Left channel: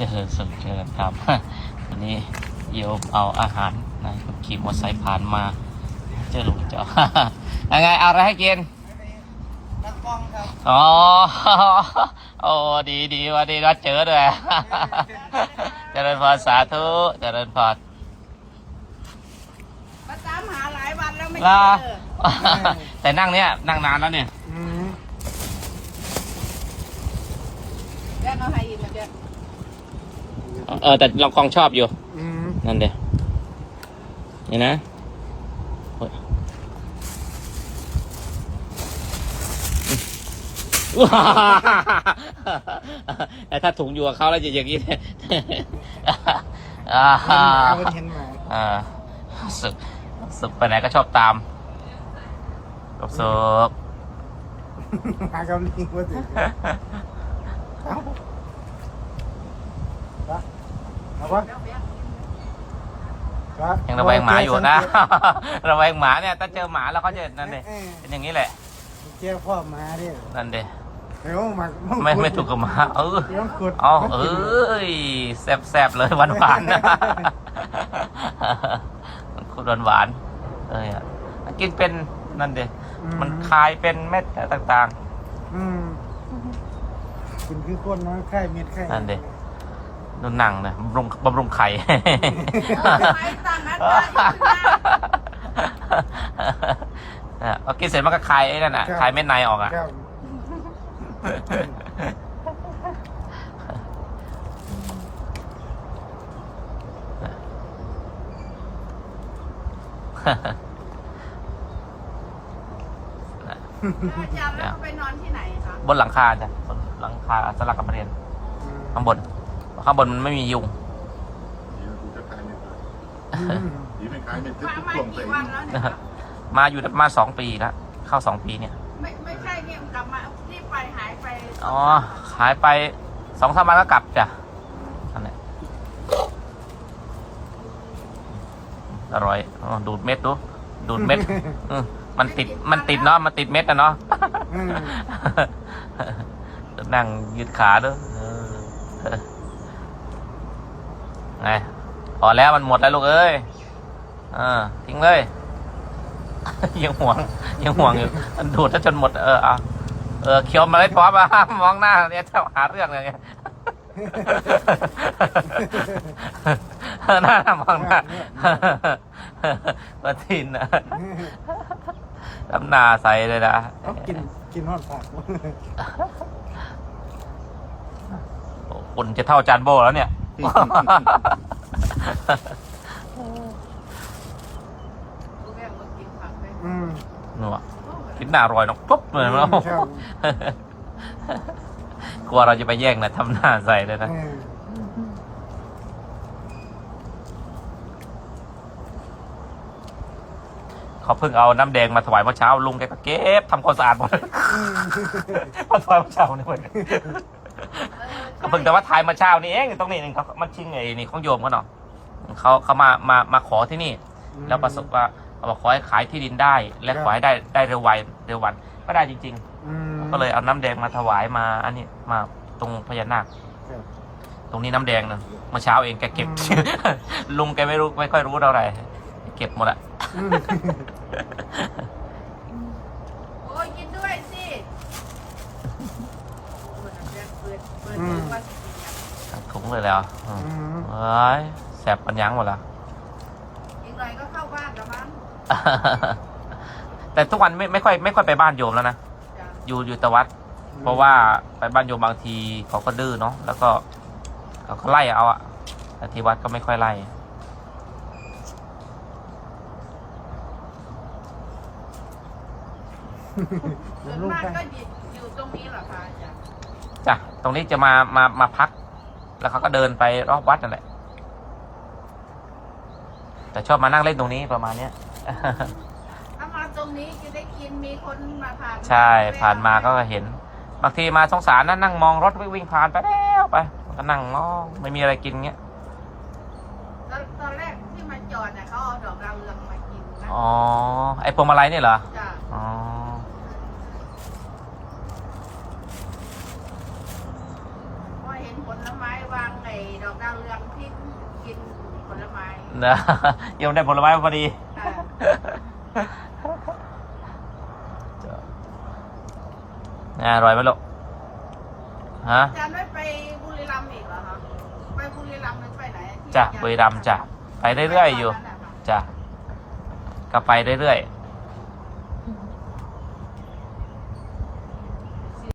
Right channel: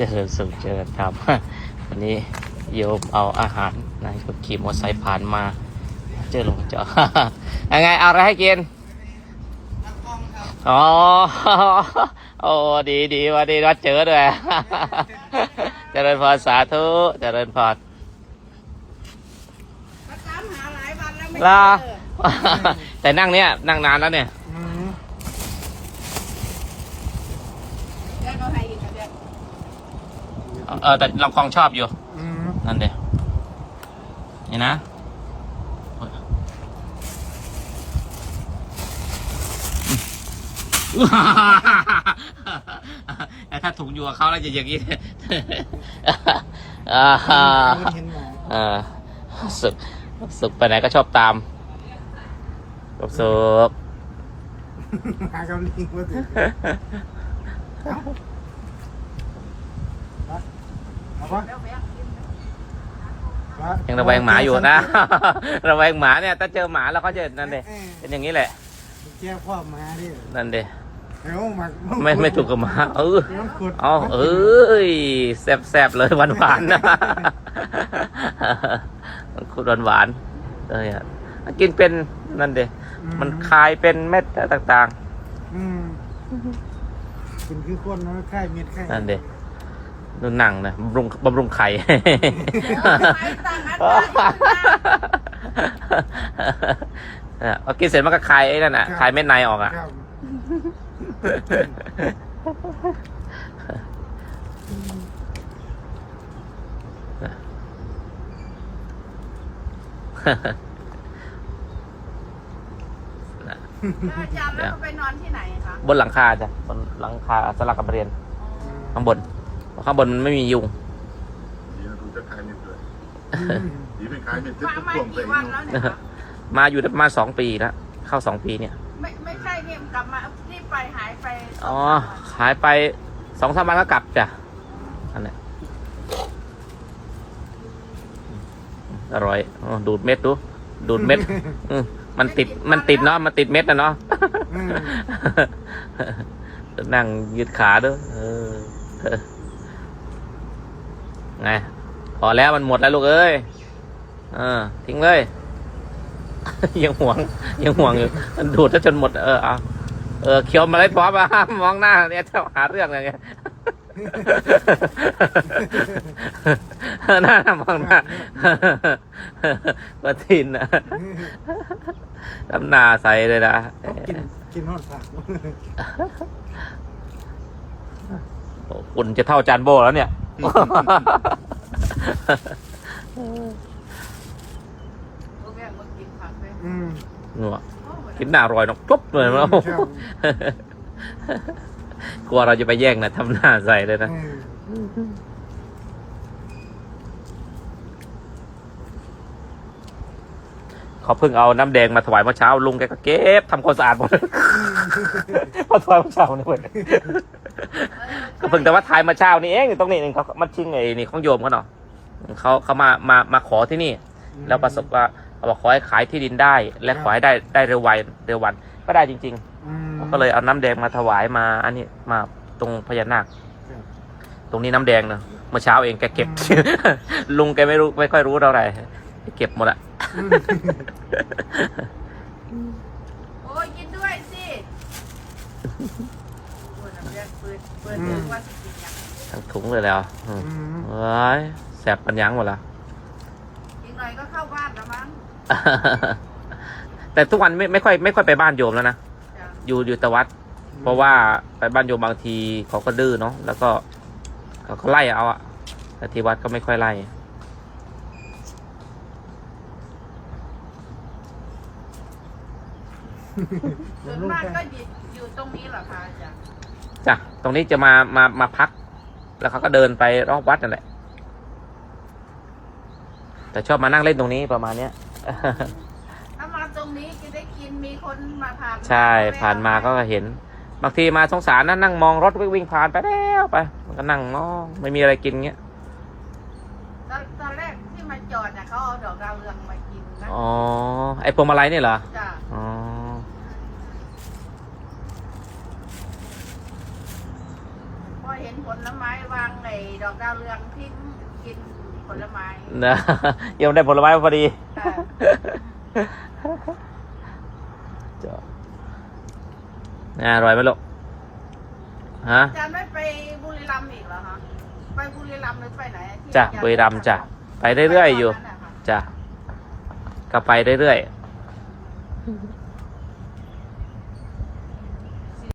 เจริญสุขเจริญธรรมวันนี้โยมเอาอาหารนะคนขี่มอเตอร์ไซค์ผ่านมาเจอจอยังไงเอาอะไรให้กินนักกล้องครับอ๋อโอ้ดีดีวันนี้เราเจอด้วยเจริญพรสาธุเจริญพรมาตามหาหลายวันแล้วไม่เจลาอแต่นั่งเนี้ยนั่งนานแล้วเนี่ย อืม แล้เอาให้อีกนะเดี๋ยว เออแต่เราคงชอบอยู่ อืมนั่นเดียนี่นะว้าแต่ถ้าถุงอยู่กับเขาแล้วจะอย่างนี้เลยอ่าเห็นหมาเพิ่นเห็นหมาอ่าสุดสุดไปไหนก็ชอบตามสุบสุบหมากับลิงว่าสิเอาไปเอาวะ แล้วแม่กิน ไป ยังระแวงหมาอยู่นะ ระแวงหมาเนี่ย ถ้าเจอหมาแล้วเขาจะนั่นเดเออเป็นอย่างนี้แหละเจ้าพ่อหมาดินั่นเดเอ้าหมาไม่ไม่ถูกกับหมาเออมันขุดอ๋อเอ้ยแซ่บแซบๆเลยหวานหวานๆนะคุณหวานหวานๆเอ้ยอะกินเป็นนั่นเดมันคายเป็นเม็ดต่างอืมกินคือคนน้อยไข่เม็ดไข่นั่นดิๆ ดูหนังนะบำรุงบำรุงไข่เอาไปตั้งอัตราอีกนะเออเอากินเสร็จมันก็คายไอ้นั่นอะคายเม็ดในออกอะ ครับ อาจารย์แล้วเขาไปนอนที่ไหนคะบนหลังคาจ้ะบนหลังคาสลักกับเรียนข้างบน ข้างบนมันไม่มียุงดีนะกูจะขายเน็ตเลยอืมดีไม่ขายเน็ตทุกมาทุกมาช่วงไปกี่วันแล้วเนี่ยคะมาอยู่ได้ประมาณสองปีแล้วเข้าสองปีเนี่ย ไม่ไม่ใช่เนี่ยกลับมาที่ไปหายไปสอ๋งอ สามวันหายไปสองสามวันก็กลับจ้ะอันนี้อร่อยอ๋อดูดเม็ดดู ดูดเม็ดอืมมันติด มันติดเนาะ มันติดเม็ดนะเนาะ อืมนั่งยืดขาด้วยเออ ไงพอแล้วมันหมดแล้วลูกเอ้ยเออทิ้งเลย ยังห่วง ยังห่วงอยู่มันดูดซะจนหมด เออเอาเออเคี้ยวมาเลยป๊อปอะมองหน้าเนี่ยจะหาเรื่องอะไรเงี้ยหน้ามองหน้าประทินนะน้ำหนาใสเลยนะเอากินกินหอดผักคุณจะเท่าจานโบแล้วเนี่ย ลูกแม่มากินผักเลยอืมนัวโอ้โหกินหน้าอร่อยเนาะปุ๊บเลยเนาะครับกลัวเราจะไปแย่งนะทำหน้าใส่เลยนะ อืมเขาเพิ่งเอาน้ำแดงมาถวายเมื่อเช้าลุงแกก็เก็บทำความสะอาดหมดมาถวายเมื่อเช้านี่เว้ย เออ ก็เพิ่งแต่ว่าถ่ายเมื่อเช้านี่เองอยู่ตรงนี้เองเขามาชิงไอ้นี่ของโยมเขาเนาะเขาเขามามามาขอที่นี่ แล้วประสบว่าเขาบอกขอให้ขายที่ดินได้ และขอให้ได้ได้เร็ววันเร็ววันก็ได้จริงอืมๆก็เลยเอาน้ำแดงมาถวายมา อันนี้มาตรงพญานาคครับตรงนี้น้ำแดงนะเมื่อเช้าเองแกเก็บอืลุงแกไม่รู้ไม่ค่อยรู้เท่าไหร่เก็บหมดละอืมโอ้ยกินด้วยสิเปิดน้ำแดง เปิดเปิดดูว่าสิกินยังถุงเลยแล้วอืมอืมเอ้ยแสบปัญญังหมดละ อีกหน่อยก็เข้าบ้านแล้วมั้งแต่ทุกวันไม่ไม่ค่อยไม่ค่อยไปบ้านโยมแล้วนะ จ้ะอยู่อยู่แต่วัด เพราะว่าไปบ้านโยมบางทีเขาก็ดื้อเนาะแล้วก็เขาก็ไล่เอาอะแต่ที่วัดก็ไม่ค่อยไล่ส่วนมากก็อยู่อยู่ตรงนี้เหรอคะอาจารย์ จ้ะตรงนี้จะมามามาพัก แล้วเขาก็เดินไปรอบวัดนั่นแหละ แต่ชอบมานั่งเล่นตรงนี้ประมาณเนี้ยถ้ามาตรงนี้จะได้กินมีคนมาผ่านใช่ผ่านมาเขาก็เห็น บางทีมาสงสารนะนั่งมองรถวิ่งผ่านไปแล้วไปก็นั่งมองไม่มีอะไรกินเงี้ยตอนตอนแรกที่มาจอดน่ะเขาเอาดอกดาวเรืองมากินนะอ๋อไอพวงมาลัยนี่เหรอ จ้ะ อ๋อ ห้อย เห็นผลไม้วางในดอกดาวเรืองที่กินผลไม้นะยังได้ผลไม้มาพอดี ค่ะอะอร่อยไหมลูกฮะ อาจารย์ไม่ไปบุรีรัมย์อีกเหรอคะไปบุรีรัมย์หรือไปไหนที่จ้ะอาจาย์บุรีรัมย์จ้ะ ไปเรื่อยๆอยู่ ไปตนนั้นน่ะค่ะ จ้ะก็ไปเรื่อยๆ